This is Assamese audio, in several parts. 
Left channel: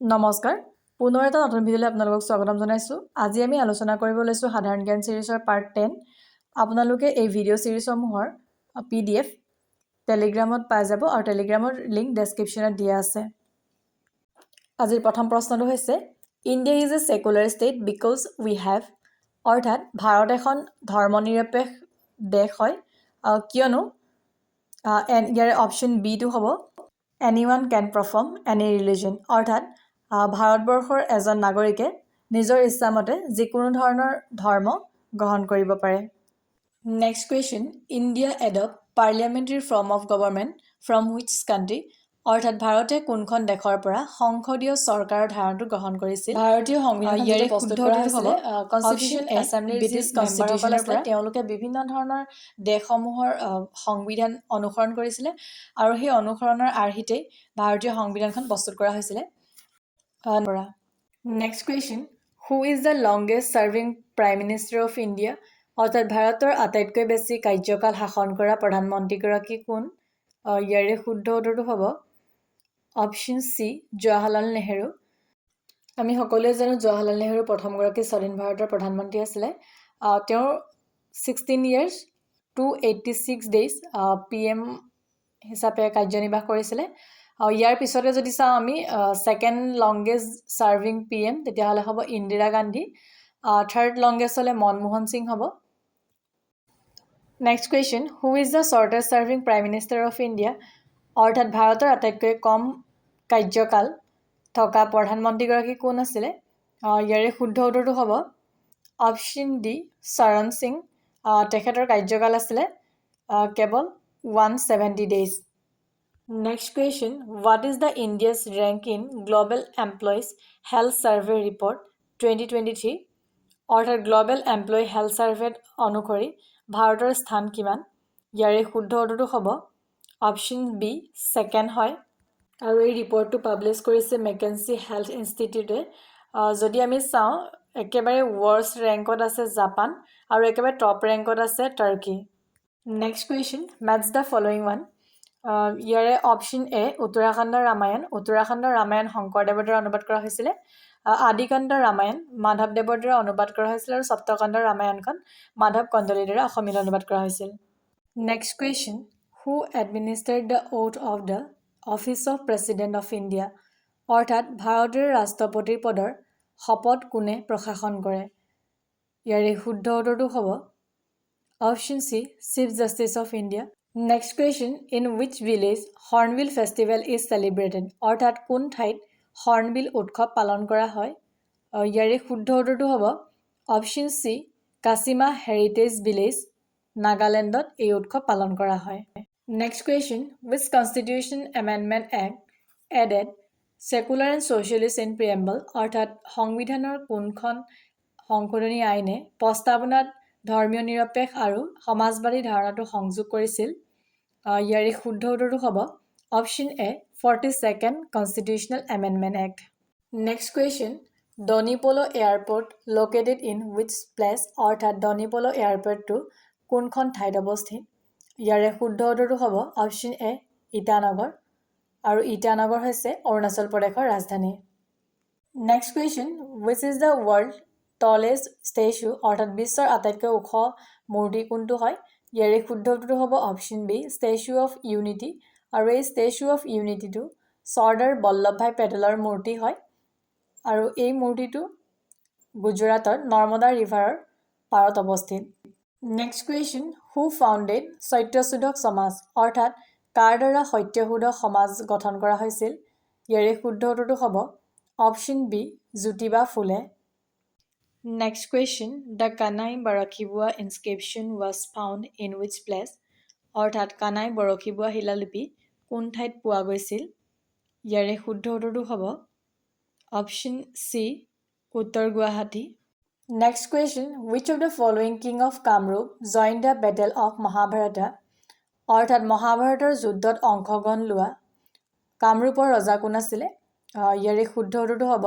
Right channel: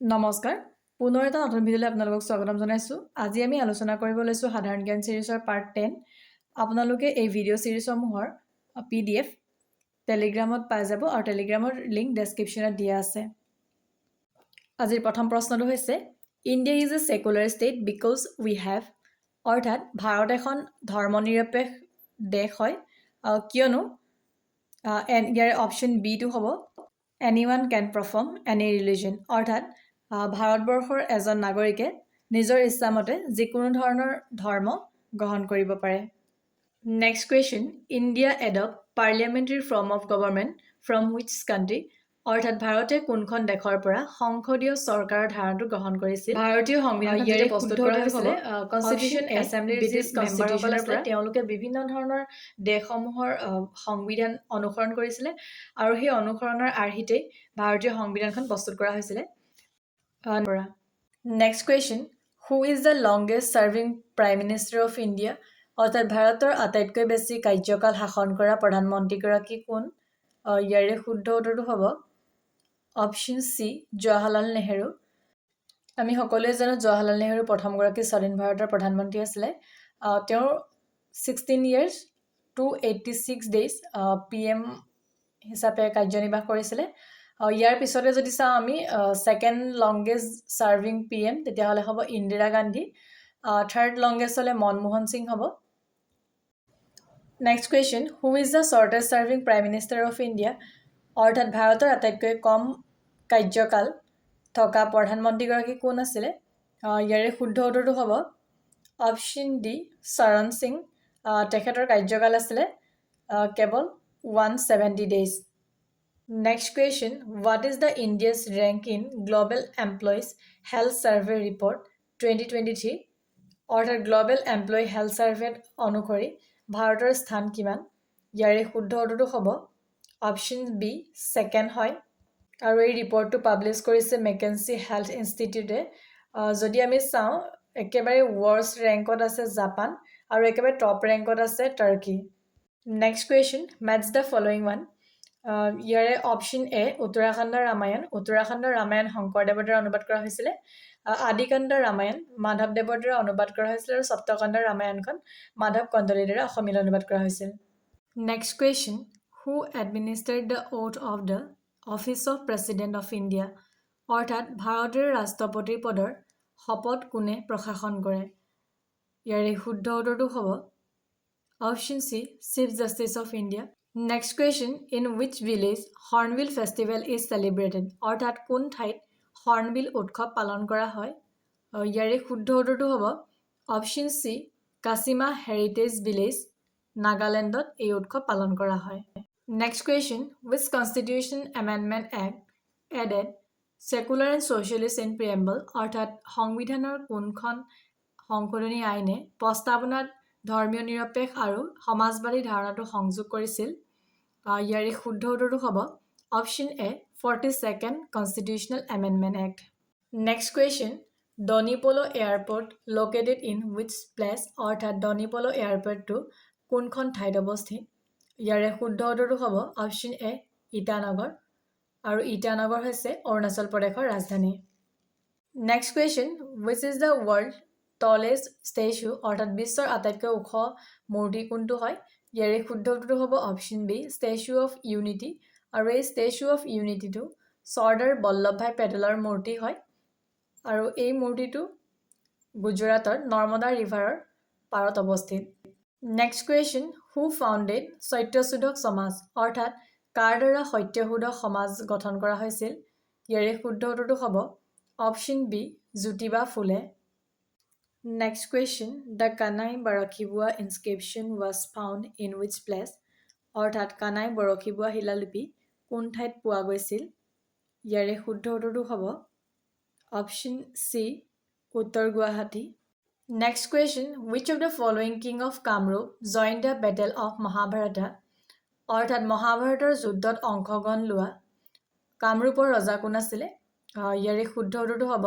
নমস্কাৰ পুনৰ এটা নতুন ভিডিঅ'লৈ আপোনালোকক স্বাগতম জনাইছোঁ। আজি আমি আলোচনা কৰিব লৈছোঁ সাধাৰণ জ্ঞান সিৰিজৰ পাৰ্ট 10। আপোনালোকে এই ভিডিঅ' সিৰিজসমূহৰ PDF টেলিগ্ৰামত পাই যাব আৰু টেলিগ্ৰামৰ লিংক ডেছক্ৰিপশ্যনত দিয়া আছে। আজিৰ প্ৰথম প্ৰশ্নটো হৈছে India is a secular state because we have, অৰ্থাৎ ভাৰত এখন ধৰ্মনিৰপেক্ষ দেশ হয় কিয়নো ইয়াৰ অপশ্যন বিটো হ'ব এনিৱান কেন পাৰফৰ্ম এনি ৰিলিজন, অৰ্থাৎ ভাৰতবৰ্ষৰ এজন নাগৰিকে নিজৰ ইচ্ছামতে যিকোনো ধৰণৰ ধৰ্ম গ্ৰহণ কৰিব পাৰে। Next question, India adopt parliamentary form of government from which country, অৰ্থাৎ ভাৰতে কোনখন দেশৰ পৰা সংসদীয় চৰকাৰৰ ধাৰণাটো গ্ৰহণ কৰিছিল। ভাৰতীয় সংবিধান যেতিয়া প্ৰস্তুত কৰা হৈছিলে কনষ্টিটিউচন এছেম্বলিৰ ব্ৰিটিছ মেম্বাৰসকলে তেওঁলোকে বিভিন্ন ধৰণৰ দেশসমূহৰ সংবিধান অনুসৰণ কৰিছিলে আৰু সেই অনুসৰণৰ আৰ্হিতেই ভাৰতীয় সংবিধানখন প্ৰস্তুত কৰা হৈছিলে। Next question, who is the longest serving prime minister of India, অৰ্থাৎ ভাৰতৰ আটাইতকৈ বেছি কাৰ্যকাল শাসন কৰা প্ৰধানমন্ত্ৰীগৰাকী কোন? ইয়াৰে শুদ্ধ উত্তৰটো হ'ব অপশ্যন চি জৱাহৰলাল নেহেৰু। আমি সকলোৱে জানো জৱাহৰলাল নেহেৰু প্ৰথমগৰাকী স্বাধীন ভাৰতৰ প্ৰধানমন্ত্ৰী আছিলে। তেওঁৰ 16 years 286 days PM হিচাপে কাৰ্যনিৰ্বাহ কৰিছিলে। ইয়াৰ পিছতে যদি চাওঁ আমি ছেকেণ্ড লংগেষ্ট ছাৰ্ভিং PM তেতিয়াহ'লে হ'ব ইন্দিৰা গান্ধী, থাৰ্ড লংগেষ্ট হ'লে মনমোহন সিং হ'ব। Next question, who is the shortest serving prime minister of India, অৰ্থাৎ ভাৰতৰ আটাইতকৈ কম কাৰ্যকাল থকা প্ৰধানমন্ত্ৰীগৰাকী কোন আছিলে? ইয়াৰে শুদ্ধ উত্তৰটো হ'ব অপশ্যন ডি চৰণ সিং। তেখেতৰ কাৰ্যকাল আছিলে কেৱল 170 days। Next question, what is the India's rank in global employees health survey report 2023, অৰ্থাৎ গ্ল'বেল এমপ্লয়ী হেল্থ ছাৰ্ভে অনুসৰি ভাৰতৰ স্থান কিমান? ইয়াৰে শুদ্ধ উত্তৰটো হ'ব অপশ্যন বি ছেকেণ্ড হয় আৰু এই ৰিপৰ্টটো পাব্লিছ কৰিছে মেকেঞ্চি হেল্থ ইনষ্টিটিউটে। যদি আমি চাওঁ একেবাৰে ৱৰ্ষ্ট ৰেংকত আছে জাপান আৰু একেবাৰে টপ ৰেংকত আছে Turkey. Next question, matches the following one. ইয়াৰে অপশ্যন এ উত্তৰাখণ্ডৰ ৰামায়ণ। উত্তৰাখণ্ডৰ ৰামায়ণ শংকৰদেৱৰ দ্বাৰা অনুবাদ কৰা হৈছিলে। আদিকাণ্ডৰ ৰামায়ণ মাধৱদেৱৰ দ্বাৰা অনুবাদ কৰা হৈছিল আৰু সপ্তকাণ্ডৰ ৰামায়ণখন মাধৱ কন্দলীৰ দ্বাৰা অসমীয়ালৈ অনুবাদ কৰা হৈছিল। Next question, who administered the oath of the office of president of India, অৰ্থাৎ ভাৰতৰ ৰাষ্ট্ৰপতিৰ পদৰ শপত কোনে প্ৰশাসন কৰে? ইয়াৰে শুদ্ধ উত্তৰটো হ'ব option C chief justice of India. Next question, in wish village hornbill festival is celebrated, অৰ্থাৎ কোন ঠাইত হৰ্ণবিল উৎসৱ পালন কৰা হয়? ইয়াৰে শুদ্ধ উত্তৰটো হ'ব option C Kisama heritage village, নাগালেণ্ডত এই উৎসৱ পালন কৰা হয়। Next question, which constitution amendment act added secular and socialist in preamble, অৰ্থাৎ সংবিধানৰ কোনখন সংশোধনী আইনে প্ৰস্তাৱনাত ধৰ্মীয় নিৰপেক্ষ আৰু সমাজবাদী ধাৰণাটো সংযোগ কৰিছিল? ইয়াৰে শুদ্ধ উত্তৰটো হ'ব option A 42nd constitutional amendment act. Next question, Donyi Polo' airport located in which place, অৰ্থাৎ ডনিপ'ল' এয়াৰপৰ্টটো কোনখন ঠাইত অৱস্থিত? ইয়াৰে শুদ্ধ উত্তৰটো হ'ব অপশ্যন এ ইটানগৰ আৰু ইটানগৰ হৈছে অৰুণাচল প্ৰদেশৰ ৰাজধানী। Next question, wish is the world টলেষ্ট statue, অৰ্থাৎ বিশ্বৰ আটাইতকৈ ওখ মূৰ্তি কোনটো হয়? ইয়াৰে শুদ্ধ উত্তৰটো হ'ব option B statue of unity আৰু এই ষ্টেচু অফ ইউনিটিটো চৰ্দাৰ বল্লভ ভাই পেটেলৰ মূৰ্তি হয় আৰু এই মূৰ্তিটো গুজৰাটৰ নৰ্মদা ৰিভাৰৰ পাৰত অৱস্থিত। নেক্সট কুৱেশ্যন, হু ফাউণ্ডেড সত্যশোধক সমাজ, অৰ্থাৎ কাৰ দ্বাৰা সত্যশোধক সমাজ গঠন কৰা হৈছিল? ইয়াৰে শুদ্ধ উত্তৰটো হ'ব option B Jyotiba Phule. Next question, the Kanai Barshibowa inscription was found in which place, অৰ্থাৎ কানাই বৰশীবোৱা শিলালিপি কোন ঠাইত পোৱা গৈছিল? ইয়াৰে শুদ্ধ উত্তৰটো হ'ব অপশ্যন চি উত্তৰ Guwahati. Next question, which of the following king of Kamrup joined the battle of Mahabharata, অৰ্থাৎ মহাভাৰতৰ যুদ্ধত অংশগ্ৰহণ লোৱা কামৰূপৰ ৰজা কোন আছিলে? ইয়াৰে শুদ্ধ উত্তৰটো হ'ব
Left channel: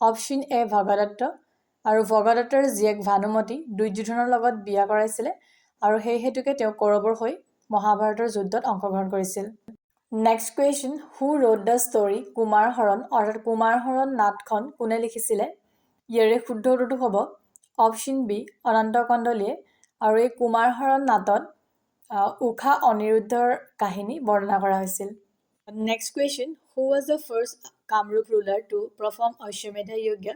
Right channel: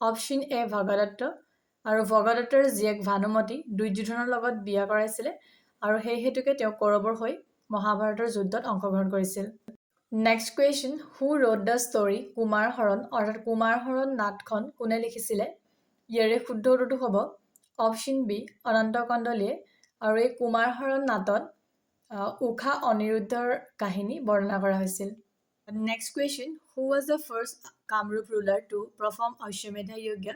অপশ্যন এ ভগদত্ত আৰু ভগদত্তৰ জীয়েক ভানুমতী দুৰ্যোধনৰ লগত বিয়া কৰাইছিলে আৰু সেই হেতুকে তেওঁ কৌৰৱৰ হৈ মহাভাৰতৰ যুদ্ধত অংশগ্ৰহণ কৰিছিল। Next question, who road the story Kumar হৰণ অৰ্থাৎ কুমাৰ হৰণ নাটখন কোনে লিখিছিলে? ইয়াৰে শুদ্ধ উত্তৰটো হ'ব অপশ্যন বি অনন্ত কণ্ডলীয়ে। আৰু এই কুমাৰ হৰণ নাটত ঊষা অনিৰুদ্ধৰ কাহিনী বৰ্ণনা কৰা হৈছিল। Next question, who was the first Kamrup ruler to perform Ashwamedha Yajna?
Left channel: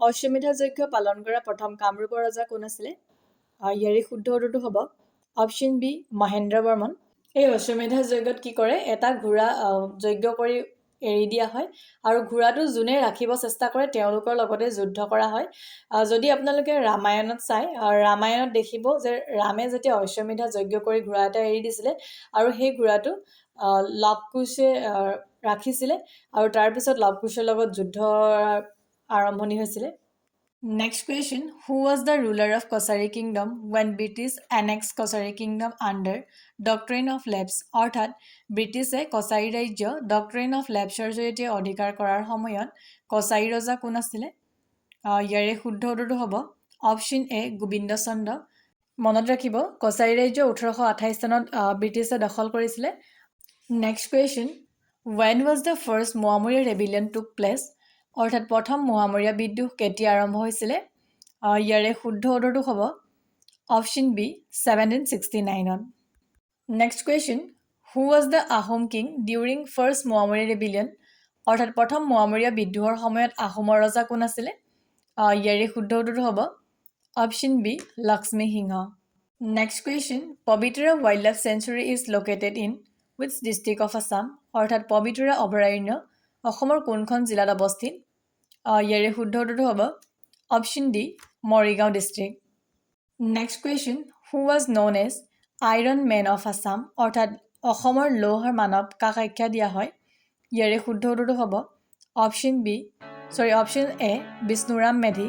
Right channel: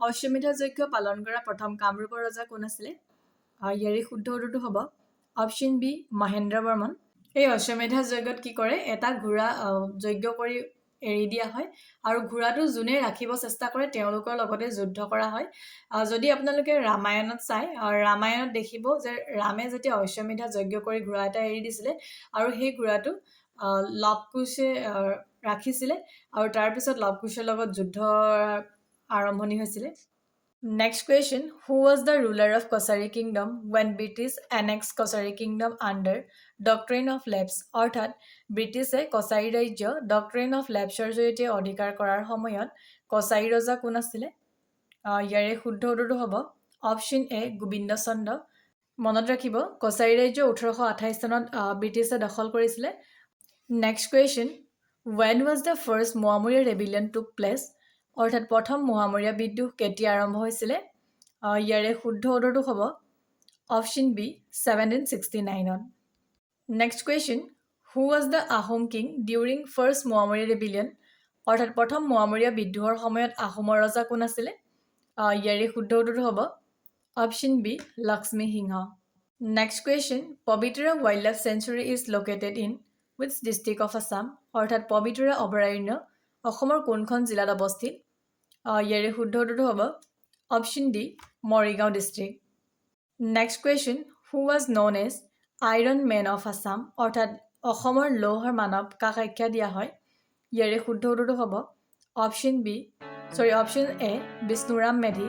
অশ্বমেধ যজ্ঞ পালন কৰা প্ৰথম কামৰূপৰ ৰজা কোন আছিলে? ইয়াৰে শুদ্ধ উত্তৰটো হ'ব অপশ্যন বি মহেন্দ্ৰ বৰ্মন। এই অশ্বমেধ যজ্ঞত কি কৰে, এটা ঘোঁৰা যজ্ঞ কৰি এৰি দিয়া হয় আৰু ঘোঁৰাটো যোনে ৰাখিব চেষ্টা কৰে তেওঁলোকৰ লগতে যুদ্ধ কৰা হয়। যদি আপোনালোকে ৰামায়ণত চাই, ৰামায়ণত দেখিব যে ৰামে যেতিয়া অশ্বমেধ যজ্ঞ কৰি ঘোঁৰা এটা এৰি দিছিলে আৰু সেই ঘোঁৰাটো লৱ কুশে ৰাখিছিলে আৰু তাৰপিছত লৱ কুশৰ লগত যুদ্ধ আৰম্ভণি হৈছিলে। Next question, who was the ruler of Kachari kingdom when British annex Kachari kingdom under doctrine of lapse? অৰ্থাৎ ব্ৰিটিছে কছাৰী ৰাজ্য ডক্ট্ৰিন অফ লেপছৰ জৰিয়তে অধিকাৰ কৰাৰ সময়ত কছাৰী ৰজা কোন আছিলে? ইয়াৰে শুদ্ধ উত্তৰটো হ'ব অপশ্যন এ গোবিন্দ চন্দ্ৰ। মনত ৰাখিব, কছাৰী ৰাজ্য 1828 চনত ব্ৰিটিছে দখল কৰিছিলে। Next question, when was the first Moamoria rebellion took place? অৰ্থাৎ প্ৰথম মোৱামৰীয়া বিদ্ৰোহ কেতিয়া আৰম্ভ হৈছিলে? ইয়াৰে শুদ্ধ উত্তৰটো হ'ব অপশ্যন বি 1769ত। Next question, who was the Ahom king during first Moamoria rebellion? অৰ্থাৎ প্ৰথম মোৱামৰীয়া বিদ্ৰোহৰ সময়ত আহোমৰ ৰজা কোন আছিলে? ইয়াৰে শুদ্ধ উত্তৰটো হ'ব option B Lakshmi Singha. Next question, Pobitora wild life sanctuary is located in which district of Assam? অৰ্থাৎ পবিতৰা অভয়াৰণ্য অসমৰ কোনখন জিলাত অৱস্থিত? ইয়াৰে শুদ্ধ উত্তৰটো হ'ব option D Morigaon district. Next question, who was known as iron man of Assam? অৰ্থাৎ অসমৰ লৌহৰ মানৱ কাক আখ্যা দিয়া হয়? ইয়াৰে শুদ্ধ উত্তৰটো হ'ব অপশ্যন এ বিষ্ণুৰাম মেধি।